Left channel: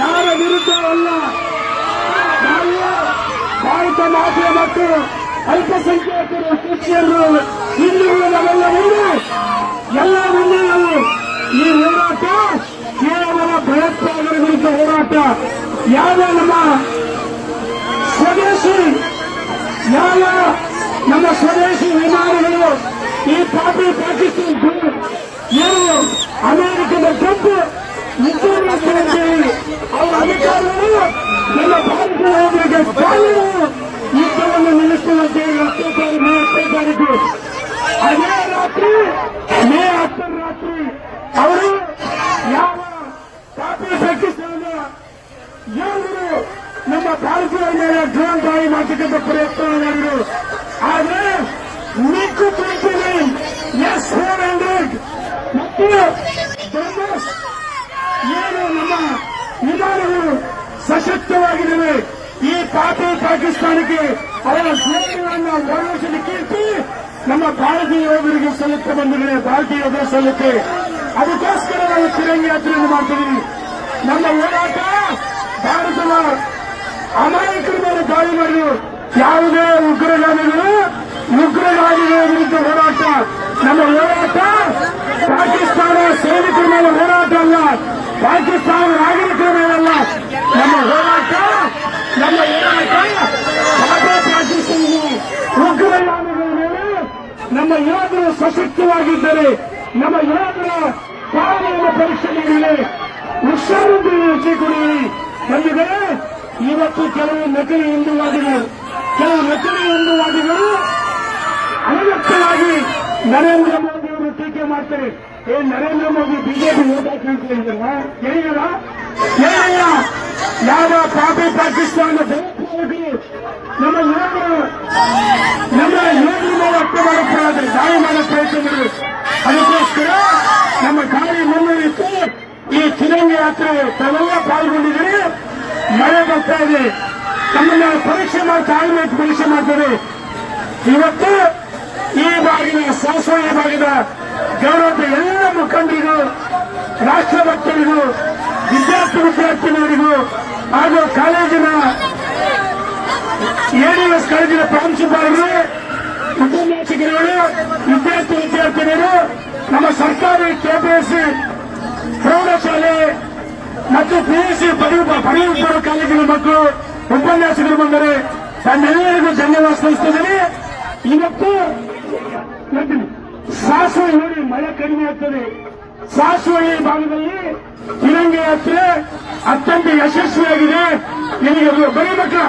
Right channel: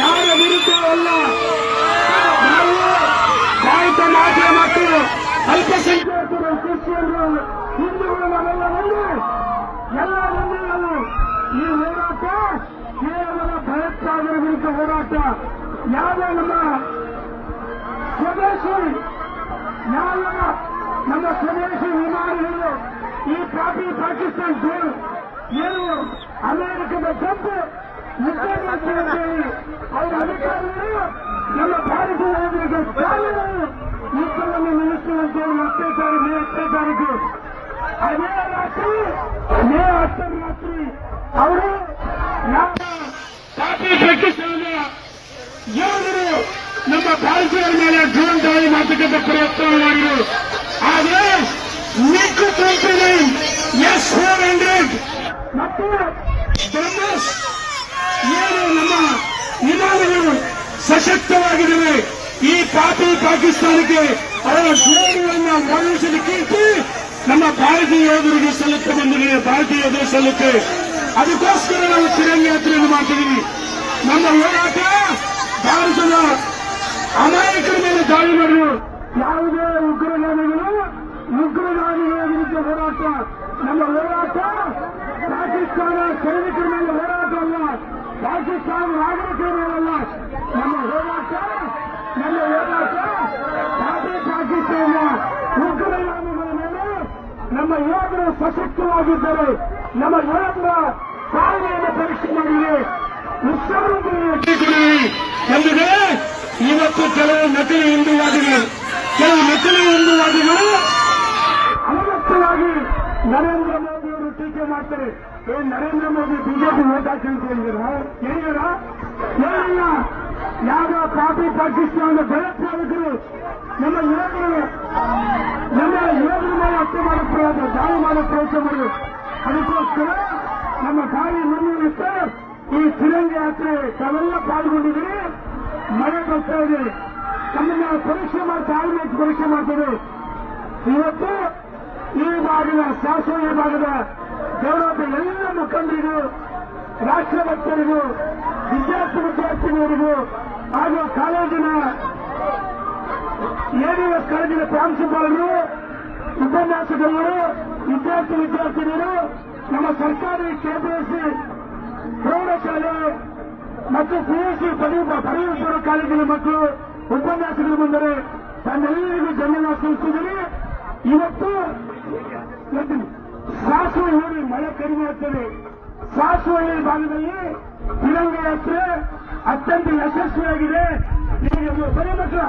ಯಾರ ವಿರುದ್ಧ ಅಲ್ಲ. ನಾವು ಭಾರತ ಮಾತೆ ಮತ್ತು ಅಲ್ಪಸಂಖ್ಯಾತರು, ಕ್ರಿಶ್ಚಿಯನ್ರು, ಹಿಂದೂಗಳು ನಾವೆಲ್ಲ ಒಂದು ಎಲ್ಲ ಒಂದೇ ನಾವು. ಈ ಹೋರಾಟ ಕೇವಲ ಭಯೋತ್ಪಾದನೆ ವಿರುದ್ಧ ಹೋರಾಟ. ಯಾವ ನಮ್ಮ ಸ್ವದೇಶಿ ವಿಮಾನಗಳು ಈ ಪಾಪಿ ಪಾಕಿಸ್ತಾನ ಏನು ಅಮೆರಿಕದ ಟ್ರಂಪ್ ಯುದ್ಧವಂತೇಳಿ ಅವರ ಅಧಿಕಾರಿಗಳು ನಮ್ಮ ಭಾರತೀಯರಿಗೆ ಕಾನೂನು ಯುದ್ಧವನ್ನು ನಿಲ್ಲಿಸುವಂತೇಳಿ ಅತ್ಯಾಚಾರ ಮೇ 10 ತಾರೀಕು ಅದೇ ರಾತ್ರಿ ಮೇ 10 ರಾತ್ರಿ ಅವರು ಯಾವ ಪಾಪಿ ಪಾಕಿಸ್ತಾನ ಯೋಧರು ನಮ್ಮ ಭಾರತೀಯರ ಮೇಲೆ ಜೀವನದಾಯಿ ಮಾತುಕತೆ ಪ್ರಯತ್ನ ಮಾಡಿದರು. ಆದರೆ ಮಿಗ್ 29 S-400 ಮತ್ತು ಬ್ರದರ್ಸ್ ಏನು ನಮ್ಮ ವಿಮಾನಗಳು ಸಶಕ್ತವಾಗಿವೆ. ಈ ಪಾಪಿ ಪಾಕಿಸ್ತಾನಕ್ಕೆ ಅವರ ಸೇವೆಗಳನ್ನು ಒಳಗಿಸಲಿಕ್ಕೆ ನಮ್ಮ ಭಾರತೀಯ ಯೋಧರಿಗೆ ಸಲ್ಲುತ್ತೆ ಬಂದಿದೆ. ಭಾರತೀಯ ಯೋಧರು ಸಲ್ಲುತ್ತೆ. ಅದಕ್ಕೋಸ್ಕರ ನಾವು ತಿರಂಗಿ ಯಾತ್ರೆಯನ್ನು ಮಾಡ್ತಿದ್ದೀವಿ. ನಮ್ಮ ಹೋರಾಟ ಭಾರತದ ಅಮಾಯಕರ ಮೇಲೆ ದಾಳಿ ಮಾಡಿದರು. ಯಾವುದೇ ಉಗ್ರಗಾಮಿಗಳ ವಿರುದ್ಧ ಹೋರಾಟ. ನಮ್ಮ ಹೋರಾಟ ಪಾಕಿಸ್ತಾನ ಸೈನಿಕರ ಮೇಲೆ ಹೋರಾಟ ಅಲ್ಲ, ಪಾಕಿಸ್ತಾನ ನಾಗರಿಕರ ಮೇಲಲ್ಲ. ನಮ್ಮ ಹೋರಾಟ ಪಾಕಿಸ್ತಾನ ಉಗ್ರಗಾಮಿಗಳ ಮೇಲೆ ನಮ್ಮ ಯೋಧರು ಸಶಕ್ತವಾಗಿದ್ದರೆ, ನಮ್ಮ ಯೋಧರ ಪಾಲನೆಯನ್ನು ಪರೀಕ್ಷೆ ಮಾಡಿದೆ, ಹುಷಾರಿದ್ದೀವಿ ಎಂದರೆ ಇವತ್ತು ಕೆಲವು ನಕಲಿ ಹಿಂದೂವಾದಿಗಳು ಅನಗತ್ಯವಾಗಿ ನರೇಂದ್ರ ಮೋದಿ ಅವರು ಟೀಕೆ ಮಾಡ್ತಾರೆ. ನರೇಂದ್ರ ಮೋದಿ ಬಿಜೆಪಿ ಓಟ್ ಹಾಕಿ ಹೇಳಿದಾರ ಏನಯ್ಯ? ಯಾವ ಪಾಪಿ ಪಾಕಿಸ್ತಾನ ಭಯೋತ್ಪಾದಕರು ನಮ್ಮ ಯೋಧರ ಮೇಲೆ ಅಕ್ರಮ ದಾಳಿ ಮಾಡೋ ಪ್ರಯತ್ನ ಮಾಡಿದ್ರು. ಅದಕ್ಕೋಸ್ಕರ ನಮ್ಮ ದಾಳಿ ಮುನ್ನಡೆಯಿತು. ಈ ತಿರಂಗಿ ಯಾತ್ರೆ ತಾವೆಲ್ಲ ಪಾಲ್ಗೊಂಡಿದ್ರೆ ಮಳೆ ಬರ್ತಾ ಇದೆ. ನಮ್ಮನ್ನ ಪರೀಕ್ಷೆ ಮಾಡ್ತಾರೆ. ಇವತ್ತು ಈ ಭಾಗದ ಶಾಸನ ಭಾಗದ ಗೌರವದ ಎಲ್ಲ ಮುಖಂಡರಿಗೂ, ರಾಷ್ಟ್ರಭಕ್ತರಿಗೂ, ವಿದ್ಯಾರ್ಥಿನಿಯರಿಗೂ ಹಾಗೂ ಕಾಲೇಜಿನ ADS ಕಾಲೇಜಿನ ಪ್ರಾಂಶುಪಾಲರು, ಉಪನ್ಯಾಸಕರುಗಳು, ವಿದ್ಯಾರ್ಥಿನಿಯರು, ನಮ್ಮ ಸರ್ಕಾರಿ KPSC ಪ್ರೌಢಶಾಲೆ ಮತ್ತು PUC ಪದವಿ ಪೂರ್ವ ಕಾಲೇಜಿನ ಮಕ್ಕಳು ಉಪನ್ಯಾಸಕರು ಬಂದರೆ ತನ್ನೆಲ್ಲರಿಗೂ ಧನ್ಯವಾದ ಸಲ್ಲಿಸುತ್ತೇನೆ. ಇವತ್ತು ಸಾಸುವಳ್ಳಿ ಮಳೆ ಕಡಿಮೆ ಆಗ್ತದೆ. ಸಾಸುವಳ್ಳಿ ಭಾಗದಲ್ಲಿ ತಿರಂಗಿ ಯಾತ್ರೆ ಅತ್ಯಂತ ಯಶಸ್ವಿಯಾಗಿದೆ. ನಿಮಗೆ ಬರೀ ಮಕ್ಕಳ